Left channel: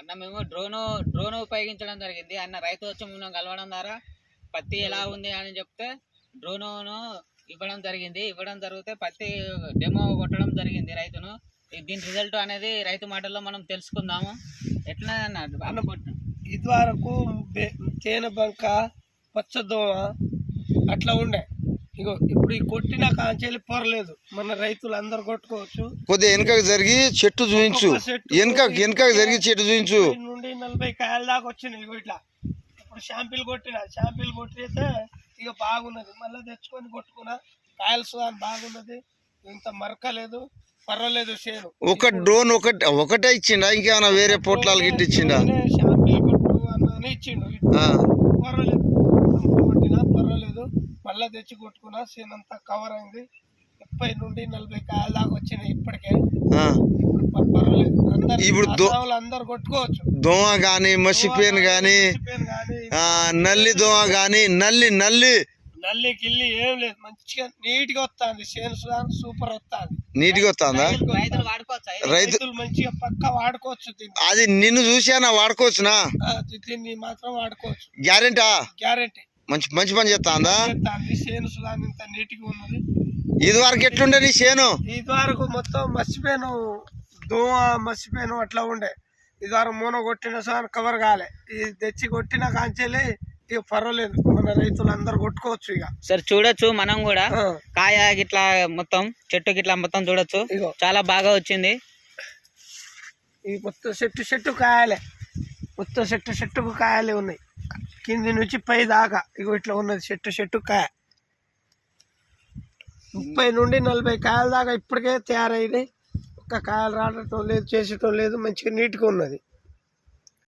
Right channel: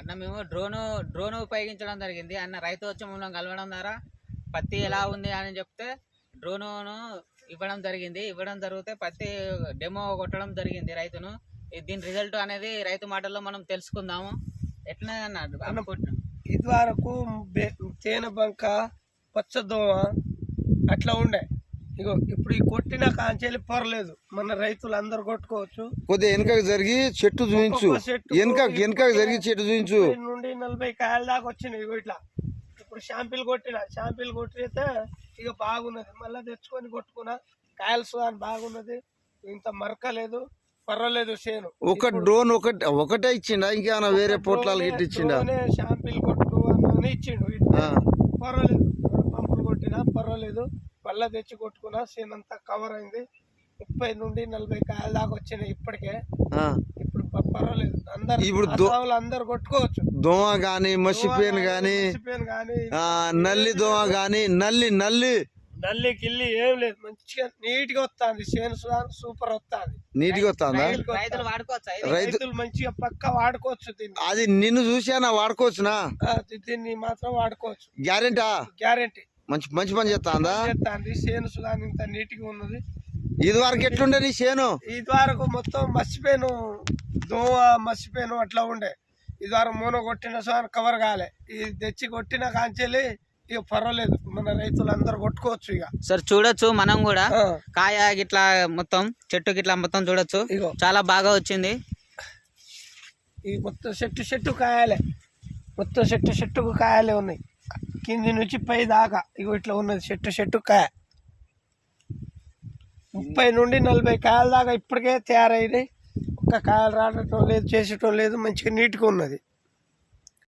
అన్న మేము డ్రోన్ ఉపయోగించడం జరిగింది అన్న. రైతు వచ్చి మమ్మల్ని కలవడం ద్వారా పత్తి ఎలా ఉంది అని చెప్తే డ్రోను ఇవ్వడం జరిగితే పత్తి డెమో కొట్టడం జరిగింది రైతును. దీని రిజల్ట్ అనేది రైతు మాటల్లో మనం తెలుసుకుందాము. ఎట్లా అన్న ఇది వరకు తేనె బంక పచ్చదోమ అట్లా ఉండే. ఇగో ఇప్పుడు ఈ కొట్టిన కాంచెలి పొరలేదు. మన రైతులు అందరు కొట్టుకోవచ్చు. కొద్దిగా వెనకకు జరిగి చెట్టు చూపించు, వెనక జరిగి చెట్టు చూపించు. నుండి 40 కాయల దాకా వచ్చినాయి. ఇగో ఇట్లా ఇప్పుడు షాంపిల్ కొట్టితే ఇక బాగున్నది. మళ్ళీ తెచ్చుకొని కొట్టుకున్నా కాయలు సుధాన్ బాగున్నది. ఇంత మరకలేదు, పర్వాలేదు. చేను ఒక డ్రోన్ ఒకటే ఇచ్చిండా, ఇంకేమైనా వేరే పొట్లాలు గిట్టి ఇచ్చిండా? షాంపిల్ కొట్టు అన్నది ఇచ్చిండు. పర్వాలేదు, కొట్టినా పర్వాలేదు. మళ్ళా తెచ్చి కొట్టుకున్నా. చేను అంతా కవర్ అయింది. 30 నుండి 40 కాయల దాకా వచ్చినాయి ఇప్పటికే. ఇప్పుడు పర్వాలేదు. అందరు కొట్టుకోవచ్చు. దోమ గాని, మసిపేను గాని, నల్లి దోమ గాని, నల్లి కిల్లి ఏం లేదు. మంచిగా నీట్ గా వస్తుంది. చేను సూపర్ వస్తుంది. నీట్ గా వస్తుందా? రైతులు మంచిగా పక్క వాడుకోవచ్చు. అది నిన్ను చూసానా వాడుకోవచ్చునా? దీన్ని మాత్రం వాడుకోవచ్చు. గ్యారెంటీ మంచి పని చేస్తాందా? చేను సుధాన్ ఇంత నీట్ గా ఉన్నది. ఇది వరకు ఎట్లుండే నీ చేను? ఇది వరకు మొత్తం మర్చిపోయాను, దోమ మర్చిపోయాను అట్లా ఉండే. ఇది వరకు మూన కొట్టిన సార్ కవర్ కాలే. ఇది తెచ్చి కొట్టిన కాంచెలి ఇక పర్వాలేదు. మన రైతులు అందరు కొట్టుకోవచ్చు. ఇక సార్ చూడొచ్చు మనం కూడా కాయ గిట్లా మొత్తం చెట్టు గిట్లా మొత్తం చూడొచ్చు. చాలా బాగా వచ్చింది. ఈ మొత్తం చెట్టు కాయలే. మొత్తం చెట్టుకు కాయలే ఉన్నాయి. కింది నుంచి పై దాకా ఇగో ఇట్లా ఉన్నది. చెట్టు కాయ 30 నుండి 40 కాయల దాకా ఇప్పటికే తయారైనాయి. ఒక్క కాయలు రావటం లేదు, చేసేటం లేదు. మంచిగా నీట్గా ఉన్నది.